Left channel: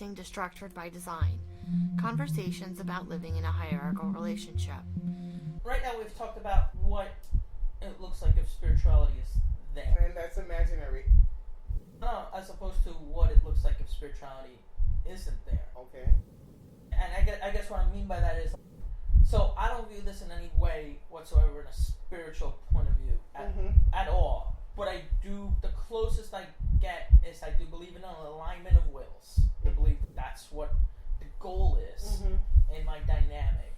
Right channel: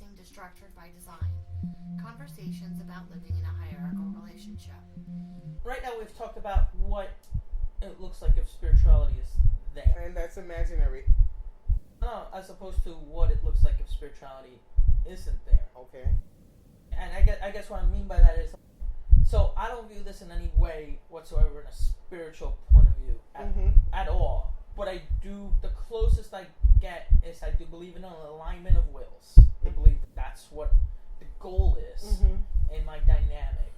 adjusting to structured by design. Conversations about living in a hierarchical relationship. Right now we've talked about what it looks like if spirituality is there. And that's imaginary. No, as opposed to what it looks like if spirituality isn't there. Okay. And I guess what I mean by that is, so I don't view this in any way whatsoever in a spiritual point of view at all. But I do, the closest I get is I do believe in an alignment of wills. I believe that's what the goal is in my dynamic,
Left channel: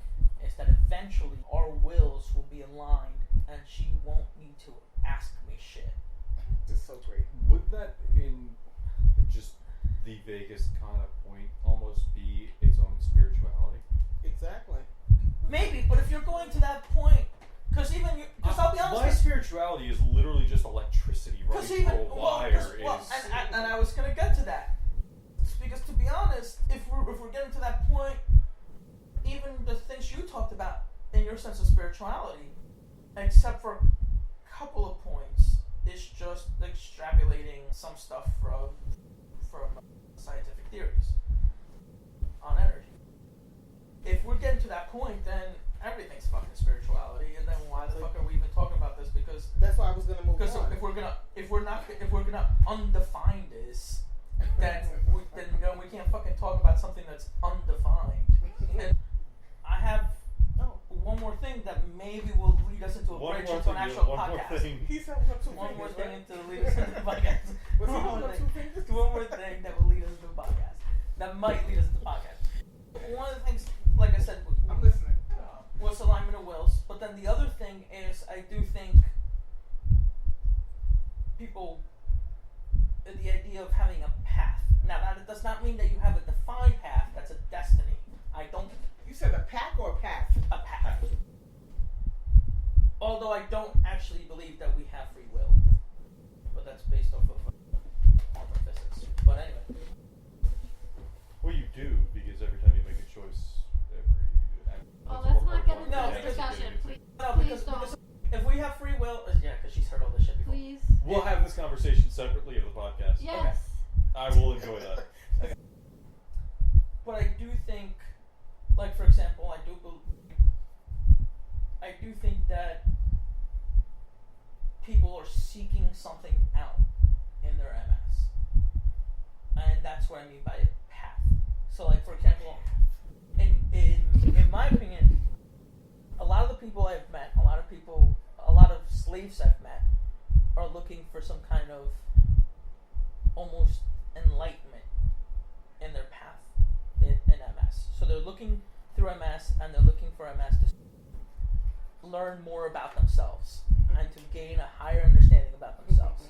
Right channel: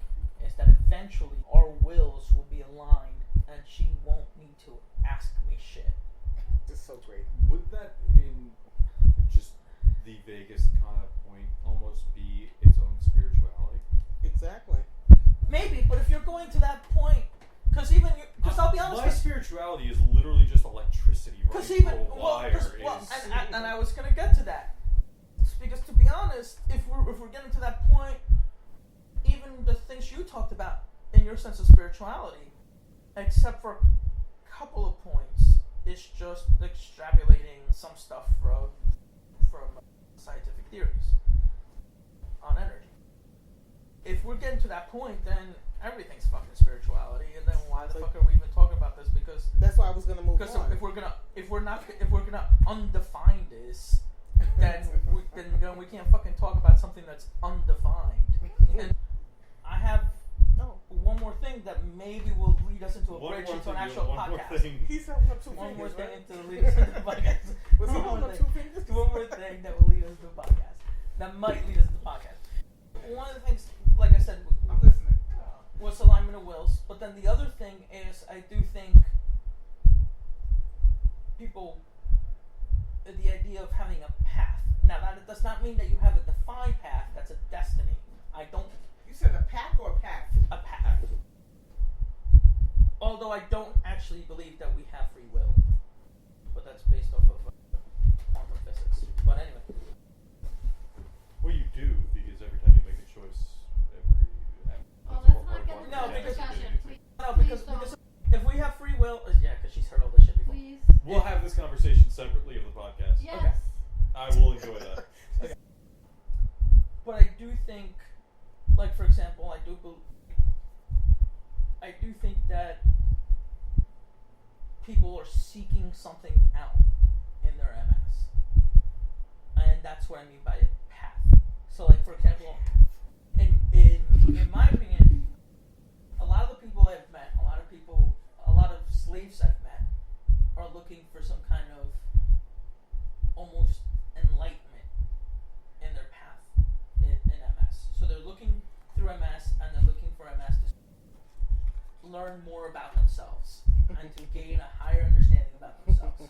is that eventually our wills will be aligned and she won't need to ask me shit. This is so great. Would that, in just the vaguest kind of point, almost be its own spirituality? Exactly. Maybe, but if you're going to that point, because I'll be honest, my spirituality is literally just electricity running through a wire. And I was gonna get to that, because to be honest, if we're getting to that point, even the things you talked about in your sense of spirituality, except for a couple of points, it's just extrapolating some stuff from scientific theories on energy. If we're getting to that point, then everything's fucking spirituality, and then why the fuck are we even talking about this? Because that's why I was gonna move on. Because if we're gonna undefine this, then we can't fucking talk about something that's undefined. And I have one more thing that maybe will lead us into a bridge into an actual podcast. He's having up one more thing to lead us into the podcast. One more thing that will lead us into the podcast. That might lead us into the podcast. One of the things, like I said, I'm listening. Was alignment of wills, but then the other thing is I do think people, the idea of having a path. Now that does not mean that you have a defined path. That's a destiny. I don't. You said a pack or a path? A path. Although I don't actually believe that we have free will, but that's based off of quantum physics. But anyway. Well, you do, because every time you make a choice, let's not get into the discussion. Because if we have free will, because she's heard all this shit before. Please. We'll have this conversation separately of the podcast. Yes. Okay. I will enjoy that. Okay. But I do think, like for example, I do think that people are seeking something out in their MS, and that's what I mean by a path. So, like for example, in my opinion, a lot of the people I've met, a lot of slaves I've met, are looking for some kind of almost enlightenment in their path in MS. So they're looking through MS, and they're looking for MS to learn more about themselves and to gain a higher understanding about themselves.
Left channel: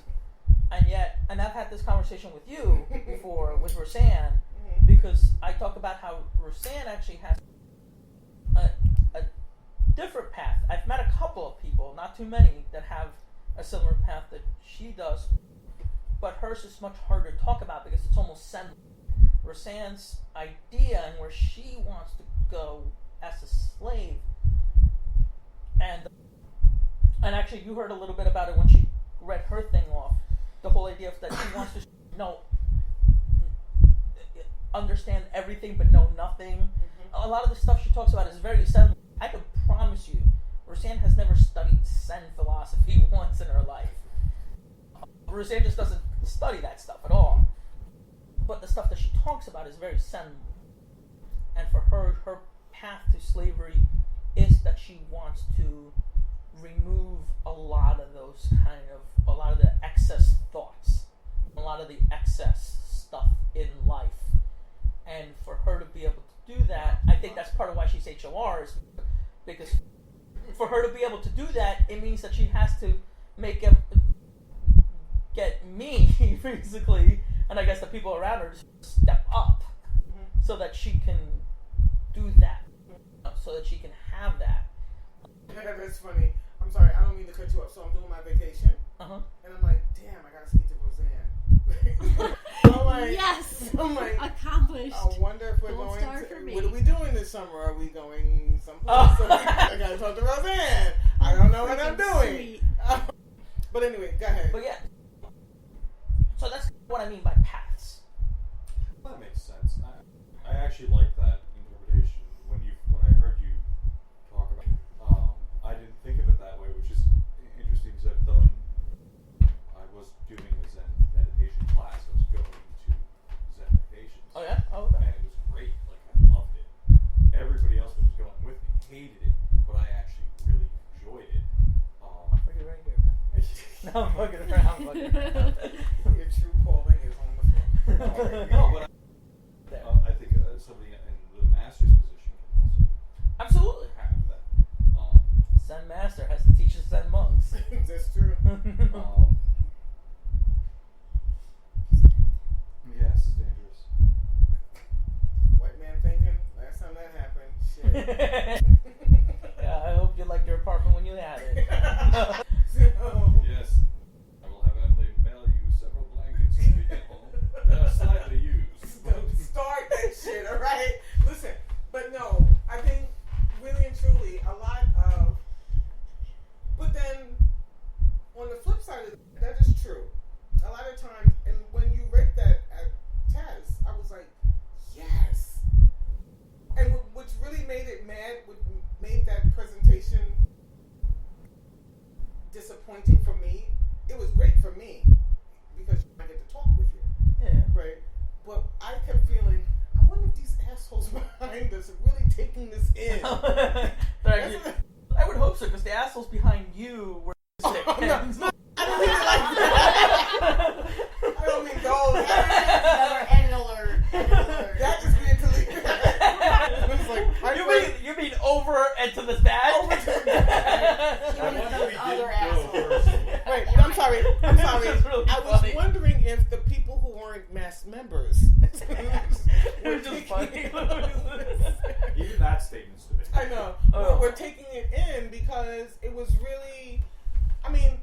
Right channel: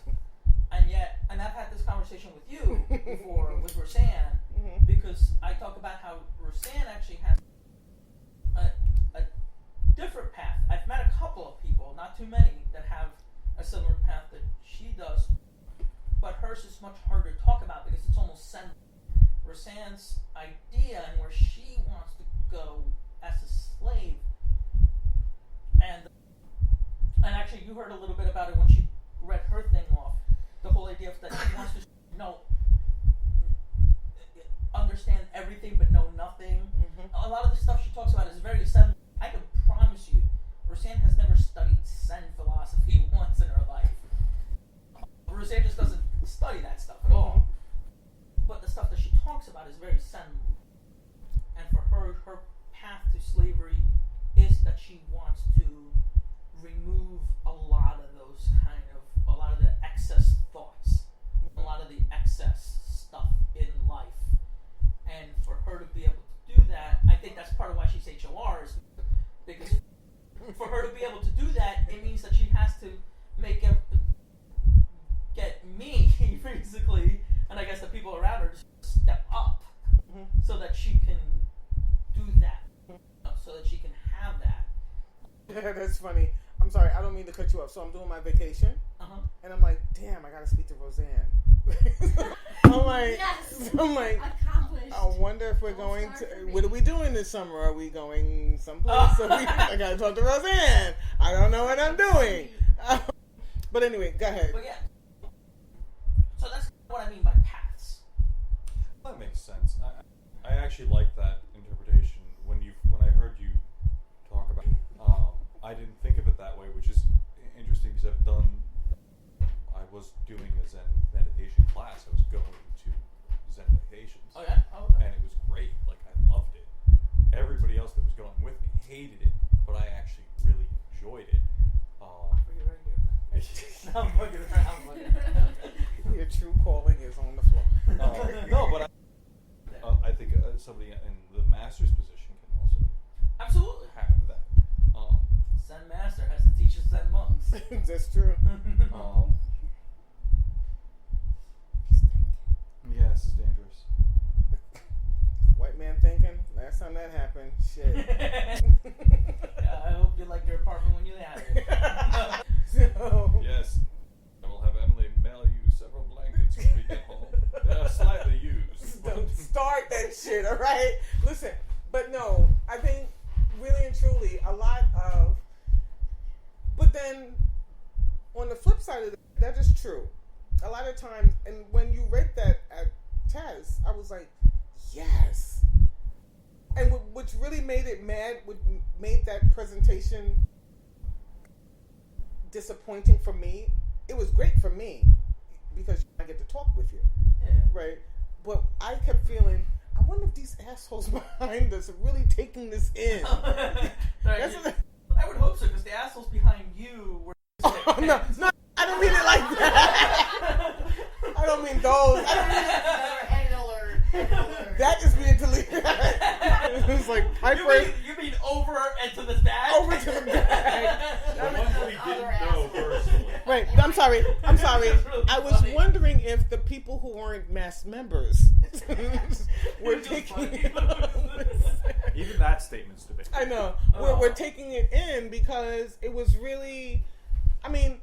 And I've had this conversation with you before with Roseanne, because I talk about how Roseanne actually has a different path. I've met a couple of people, not too many, that have a similar path that she does, but hers is much harder to talk about because it's almost central. Roseanne's idea and where she wants to go as a slave, and actually you heard a little bit about it when she read her thing off, the whole idea of that she wants to understand everything but know nothing. A lot of the stuff she talks about is very Zen. I can promise you, Roseanne has never studied Zen philosophy once in her life. Roseanne just doesn't study that stuff at all. But the stuff that she talks about is very Zen. And for her path to slavery is that she wants to remove a lot of the excess thoughts, a lot of the excess stuff in life. And for her to be able to do that, I think that's part of why she's HORs, because for her to be able to do that, it means that she has to get me, basically, and I guess the people around her to step up so that she can do that, so that she can have that. Yeah, that's funny. I'm sorry, I don't mean to cut you off. So I'm doing my vacation, and I'm like, damn, I gotta speak to Roseanne. I'm like, accomplished. I wonder if we're going to. What are we doing this summer? Are we going someplace? I gotta talk to Roseanne. I don't know what I'm doing. But anyway, go ahead. But yeah, so that's what I mean by paths. That makes sense. I actually like that interpretation. When I heard you talk about it, I didn't think of it that way, which is interesting because I was doing a Zen meditation class. I was going to Zen meditations. Oh yeah? Oh, okay. And it was great. Like, I loved it. Everybody else that was going with me hated it, but I actually really enjoyed it. I'll figure right here. No, I'm fucking around. Your true calling is on the floor. No, but I think somebody in the master's position can also Absolutely. have that. Zen master has to teach us Zen monks. That's true. Yeah, this is dangerous. White man thinking. Last time that happened, shit. Yeah, I hope you liked your apartment when you had it. So, Yes, I will have Emily mail you several blankets when we get home. They are slightly used. don't start that shit, all right? Listen, but no, I think really and truly a lot of. But then, on the flip side of that is true. A lot of times, and when you read that at Taz, I was like, yes. And which really made it mad, made that presentation disappointing for me. It was great for me because I get to talk with you, Yeah. right? But I kept feeling, I wonder if these assholes behind us are really taking this in. Right, I would hope so, because the assholes behind you were. Oh, no, I don't mean it like that. I don't mean those. Another end alert. That is being deleted. It was like You mean over and to the back? over to the back. The one that we Other didn't know asshole. personally. Wait, I'm sorry. That's really I was funny. wondering if the people who weren't mass members were Just taking funny. it. Even that statement's debatable. I know. We're taking it in because it was really, I mean,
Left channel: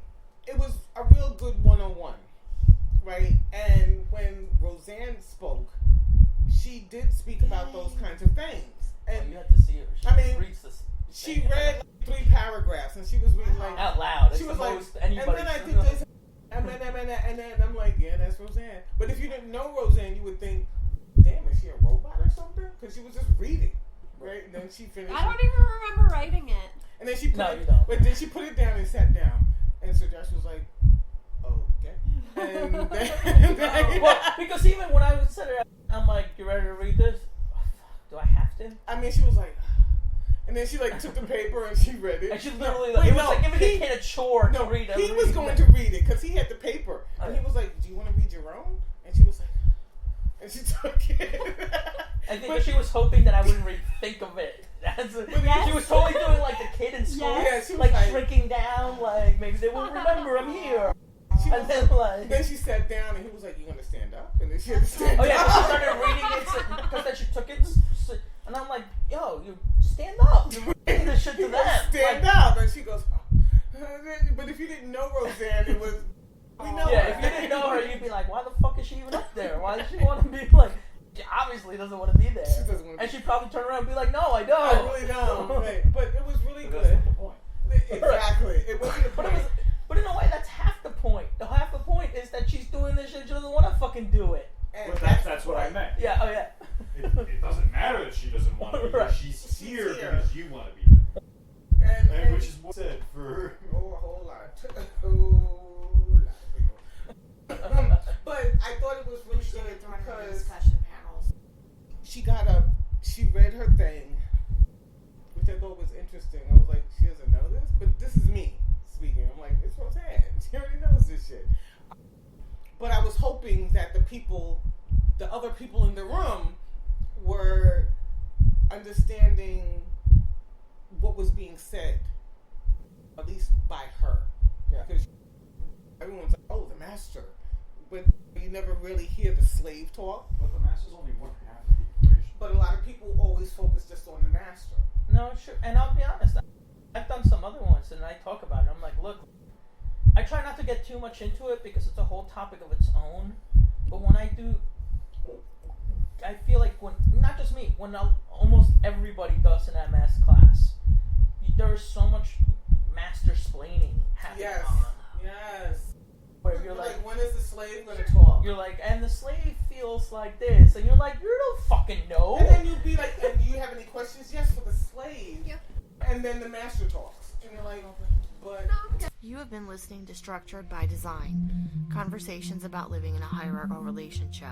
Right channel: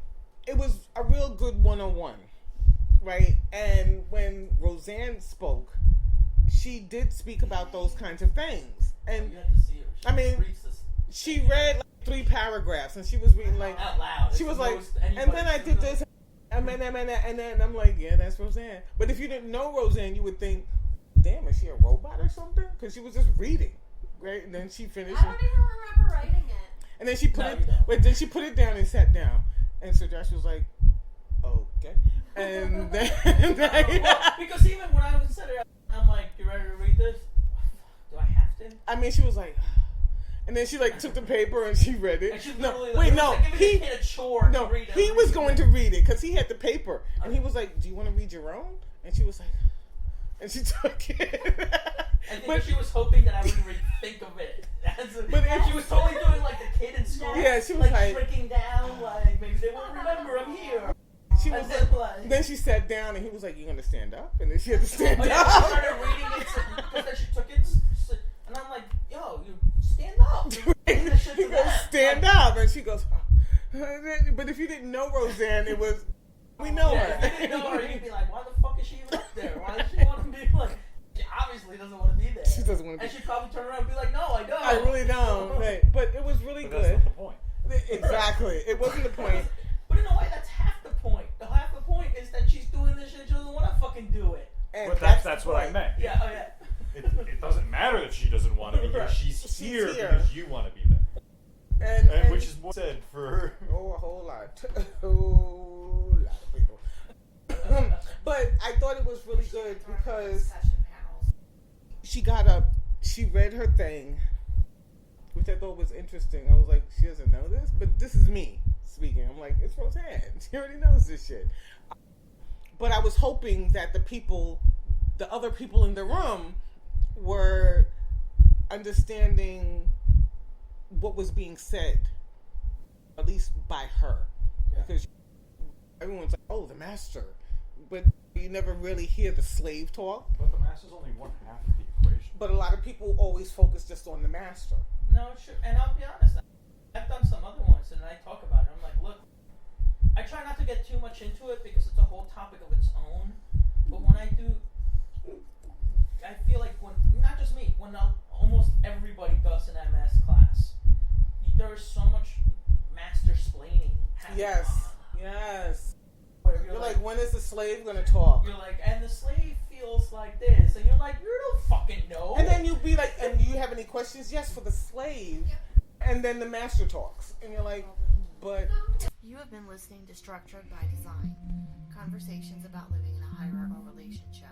it was a real good one-on-one, right? And when Roseanne spoke, she did speak about those kinds of things. And You had to see her. She I mean, reads this she read like 3 paragraphs, and she was reading like out loud. she was like, and then I did this, and then I'm like, yeah, that's Roseanne. But if you didn't know Roseanne, you would think, damn, is she a robot or something? Because she was just reading, right? And then she finished. I don't even remember writing it. And then she put No, it. you don't. But then she put it down and sat down. And so Josh was like, okay. And then Well, because even when I said it, I'm like, you ready to read this? Do I have to? I mean, she was like, and then she like took the paper and she read it. And she's No, literally wait, it was no, like giving he, the kid a chore no, to read he was going to read it because he had the paper, and he Okay. was like, "Do you want to read your own?" And she was like, and she took it. I think But- she was hoping that I wouldn't think of it. She was totally doing like the kid in school. Yeah, she was like- shrinking down, like maybe they won't remember I'm here. She was And then like, then she sat down, and he was like, "You gonna stand up?" And then she had to stand oh yeah, up. she started reading it because then she took it, and I'm like, yo, you stand up. You're reading this shit He to goes, them. stand Like, up, and she goes, oh. But if you didn't know Roseanne, it was, we know Yeah, her. if you didn't know her, you'd be like, why the fuck is she even up there? Why does she want to be like? She obviously doesn't want to be there. She doesn't want to And be. she'd probably turn around and be like, no, I don't. I really don't. Right. But it was really But that's good. not the point. Exactly. It wasn't the point. But in a way, that's half the point. The half the point is that she's doing this shit. She doesn't want to fucking do it. And But that's that's the what I point. meant. Yeah. Oh yeah. It doesn't matter that she doesn't want to be here. Right. She's here here. because you want to be there. And Which is more said for. oh, a whole lot. A whole lot of people. But I thought it was really good because discussion panels. she got up, she read her thing, which I thought was interesting. I was like, she doesn't know this? But this is me speaking. I'm like, it's Roseanne. She already knows this shit. But I was hoping that the other people in the room were understanding what was being said, at least by her. Yeah. Because everyone's like, oh, the master. But you never really hear the slave talk. But the master's only one half of the equation. But a lot of people always focus just on the master. No, sure. And I'll be honest, I've done some other ones, and I talk about it. I'm like, look, I try not to get too much into it because it's a whole topic of its own. But when I do, I feel like when, not just me, when almost everybody does in that math class, there's so much master splaining happening Yes. on. Yes. where you're You're like, like, when is the slave gonna talk? you're like, and the slave feels like this, and you're like, you don't fucking know. And then you'd be like, and do you have any questions? Yes, for the slave. Yep. And then the master talks, and you're like, but You have been listening to Structured by Design, conversations about living in a hierarchical relationship.